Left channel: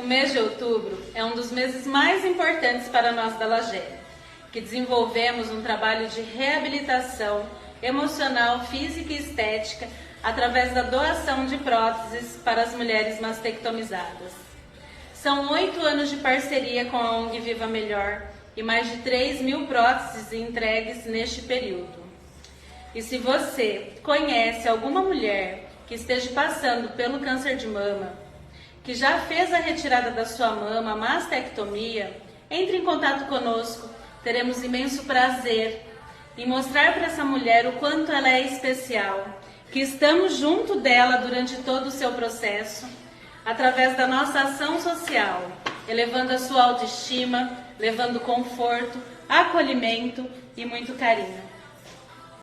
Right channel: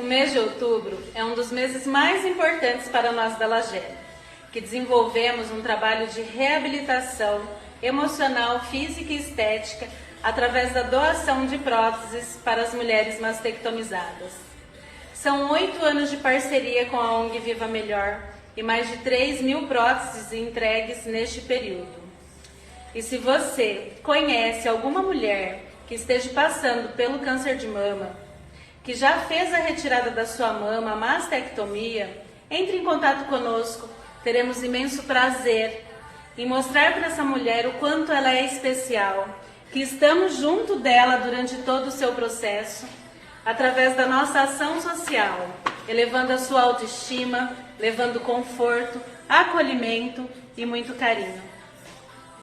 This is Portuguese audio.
O mês de outubro é um dos meses mais importantes para nós da Lagere, que desenvolvemos um trabalho de reabilitação emocional, física e estética através da doação de próteses para as mulheres mastectomizadas. São 8 anos de parceria com a ONG Viva Melhor e mais de 3.000 próteses entregues neste período. E se você conhece alguma mulher que esteja passando pelo câncer de mama, que já fez a retirada da sua mama, a mastectomia, entre em contato conosco. Teremos imenso prazer em mostrar para essa mulher o quanto ela é especial, que estamos junto dela durante todo o seu processo, através da nossa ação social, elevando a sua autoestima, levando conforto, acolhimento e muito carinho.